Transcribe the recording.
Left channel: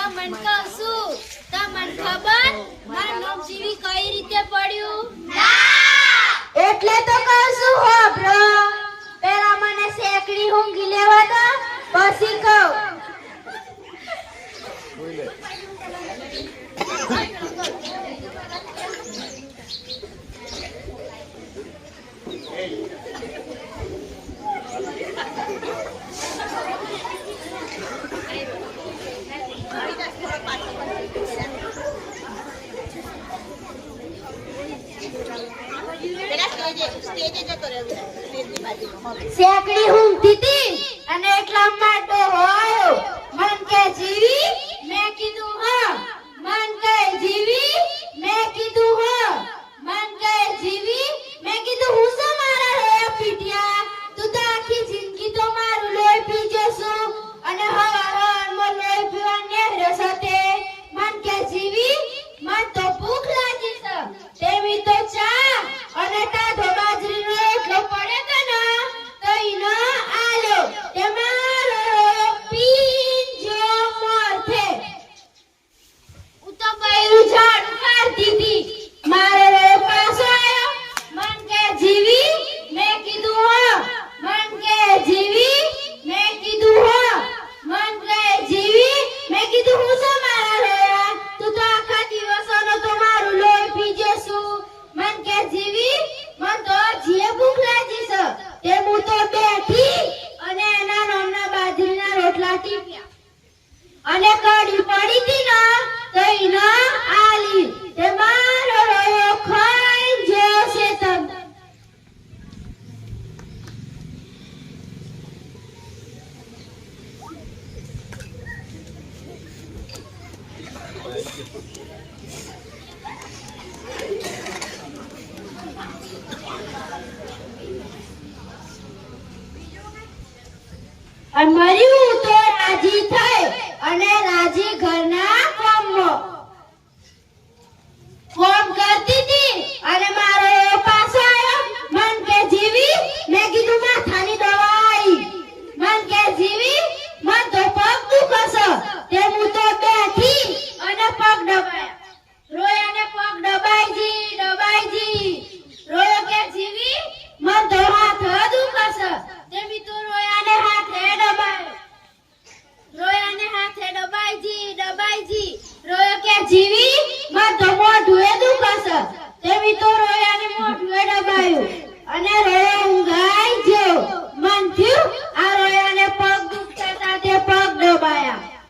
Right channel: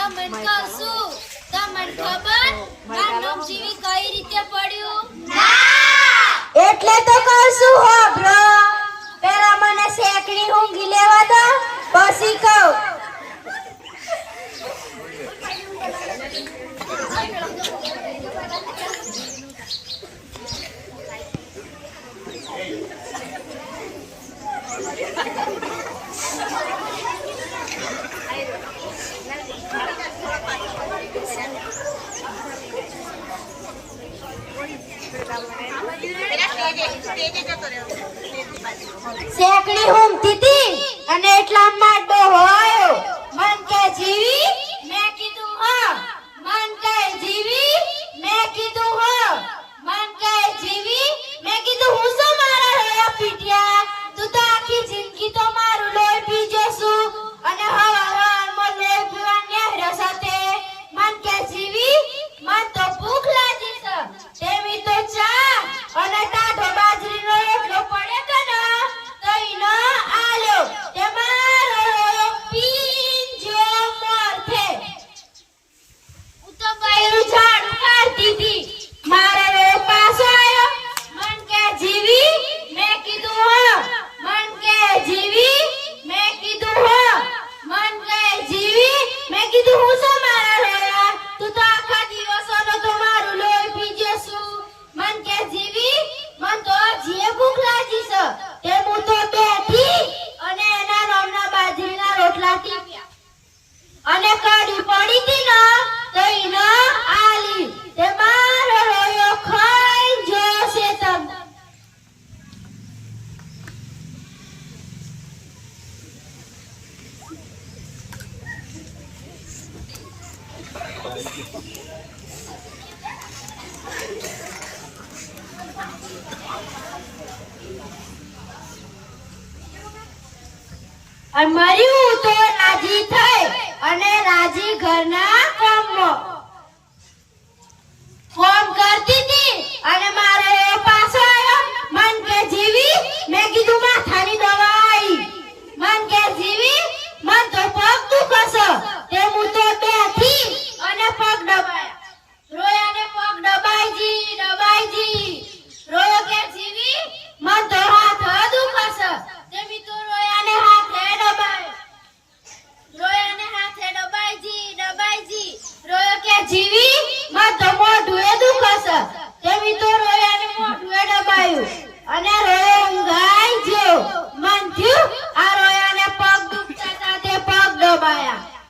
તમન કહું તમન ખબર માર નામ જીવી કઈ રીતે પડ્યું? એટલે તો કહું છું હો બ્રો, પેલા મને શેકડી ઊંઘી લેવા દો પછી કહું. શેકડી ઊંઘતી હતી અને એટલા માટો આવ્યો. મન કે જીવી, મેં કીધું હા. મન કે જીવી, મેં કીધું હા. મન કે જીવી, મેં કીધું હું શું મારા રોયા પીટ્યા? તું તો આખી જિંદગી તો મારું લોહી પી જશું અને હવારમાં લોહી પીવા નેહરો સાથે. મન કે જીવી, મન તો ભૂખ લાગી છે, તેવી તો ચા અને ટાઢો બાજરીનો રોટલો પડે કે ના તો ઈનો આલ્યો. તે મારો પીંજો મારથે હું તો બૈરું ઝાડુ કાઢતી હતી. મારો પાછો આવ્યો. મન કે જીવી, મેં કીધું હા. મન કે જીવી, મેં કીધું હા. મન કે જીવી, મેં કીધું હું શું મારા રોયા? તું તો આખા દિવસનો તો મારું લોહી પી જશું. મન કે જીવી, મન તો જે ભૂખ લાગી છે તે હું તો બેઠી અને એના નામના બાજરીના રોટલા ટીપ્યા અને કડી પડી હતી ને તો ઈને આલી. તે મારો રોયો ખાઈ જશે તમ. અને મર્યું તો રાજી થઈ અને રાજી ઘરના કામમાં ફોન કરતી હતી અને મારો પાછો આવ્યો. મન કે જીવી, મેં કીધું માથાની દવા આવી. મન કે જીવી, મન તો પગ દુખે છે તે હું તો બેઠી અને પગ દબાયા. રોયાને પગ દબાઈજી દબાઈજી. રોયો કે જીવી, મન તો હાથ દુખે છે તે મી તો રોયાને હાથે દબાયો. રોયાને હાથે દબાઈજી દબાઈજી. રોયો કે જીવી, મન તો મોઢું દુખે છે તે મી તો રોયાને મોઢું દબાયું અને રોયો ઊંઘા